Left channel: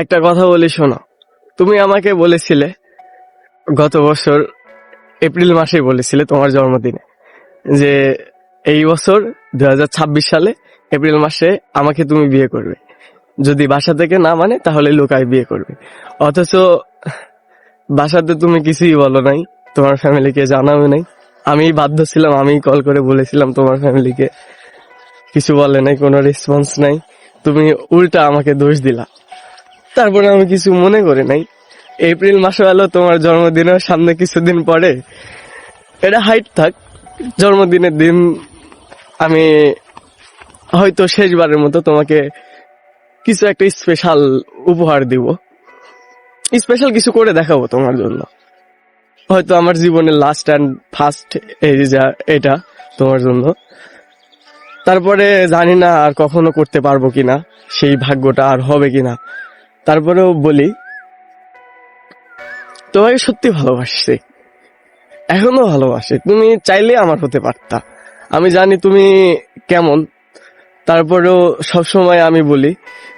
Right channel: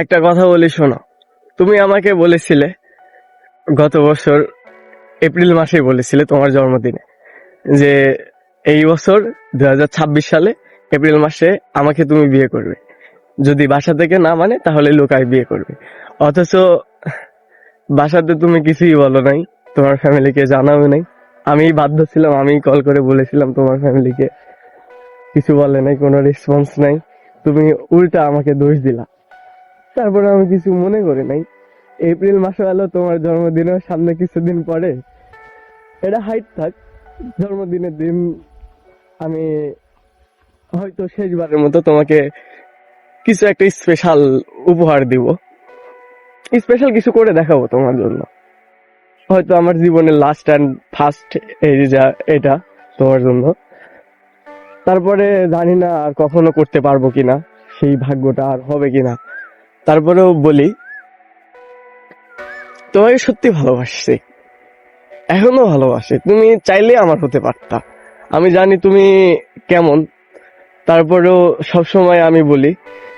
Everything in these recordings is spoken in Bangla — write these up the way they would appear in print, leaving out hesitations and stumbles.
একটা কথা বলি শোনো। তুমি আমাকে বলেছিলে গত বছর এপ্রিল মাসে বলেছিলে তোমার জন্মদিনে যে এই বছর 2026 সালে এপ্রিল মাসে আমাকে তুমি বিয়ে করবে, যদি বাসা থেকে না মানে তাহলে লুকায় বিয়ে করবে। অথচ বাসাতে তুমি কিছুই বলো নাই, তোমার ফ্যামিলিকে জানাও নাই। আমি বাধ্য ছিলাম, আমি কল করে বলেছিলাম তোমার ফ্যামিলিকে, কিছু বলে নাই, কোনো রেসপন্স নাই। তুমি উল্টা আমাকে দোষ দিলা, তারপরে আমি কিছু মনে করি নাই। এপ্রিল মাসে এলো তোমার জন্মদিনের সামনে কিছুদিন পরে, এটা হাইট থাক, জন্মদিনের দিন আমি হয়তো শেষবারের মতো তোমাকে কিছু একটা স্পেশাল উপহার দিব, স্পেশাল কিছু করে দেখাবো তোমার জন্য। হয়তো আমার জীবনের লাস্ট অ্যান্ড ফার্স্ট এই যা এটা তোমার জন্য। তারপরে জানি না আর কখনো করতে পারবো কিনা, সেই ভাগ্যটা আর হবে কিনা। তারপরেও বলি, তোমাকে সত্যি ভালোবাসছি, এখনো ভালোবাসি। তুমি চাইলে আমার হতে পারতা, আমি জানি তুমি কেমন। তারপরেও সবসময় আমি বলি,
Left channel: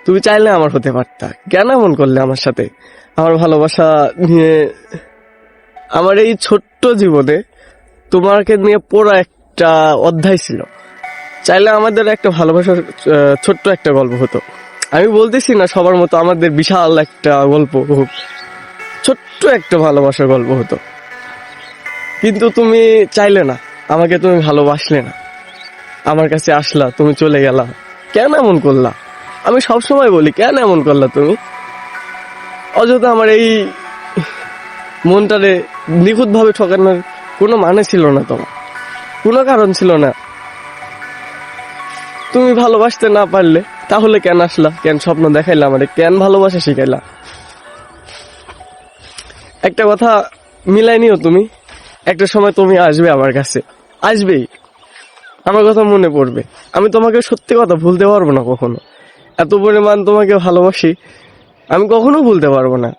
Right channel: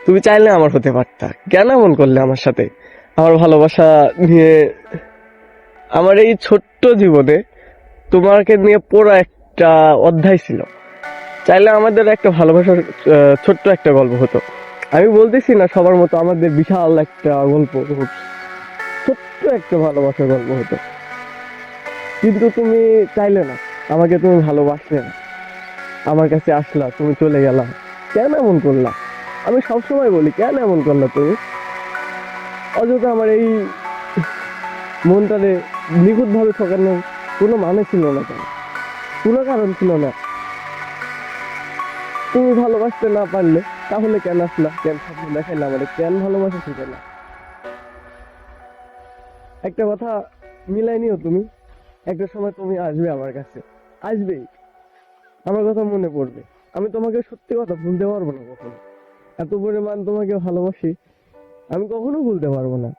তুমি চাইলে আমার হতে পারতা। কেন এমন করলে আমার সাথে? আমার ভালোবাসা নিয়ে, আমার এই ছোট্ট জীবনে তোমাকে নিয়ে পুরো একটা অধ্যায় ছিল। চাইলে আমাদের একটা ভালোবাসার ছোট্ট একটা গল্প হতো। আমি বলতেছি না সবার মতো আমাদের বিশাল একটা গল্প হোক, ছোট্ট একটা ভালোবাসার গল্প হতো। কিন্তু তুমি চাইলে না, আমাকে তুমি ভালোবাসলে না, আমার কাছে আসলা, তুমি চলে গেলা। কেন এমন করলা? আমি সবসময় বলি, কেন এমন করলা তুমি? অযথা আমার এই মনটারে নিখুঁত ভাবে ঠকানোর কোনো মানে ছিল না, তোমার কোনো কারণ ছিল না। তুমি ভালোবাসতে না পারলে তাহলে কেন আসলা, কেন স্বপ্ন দেখাইলা আমারে, কেন ভালোবাসা শিখাইলা? একটা কথা মিলাই নিও তুমি, একটা সময় তুমি আসবে আমার কাছে, আসবেই, আমার কথা মনে পড়বে। আমি তোমাকে সত্যি কথা ভুলতে পারবো না কখনো। এত পরিমাণ তোমাকে ভালোবাসি, আমি কখনো ভুলতে পারবো না।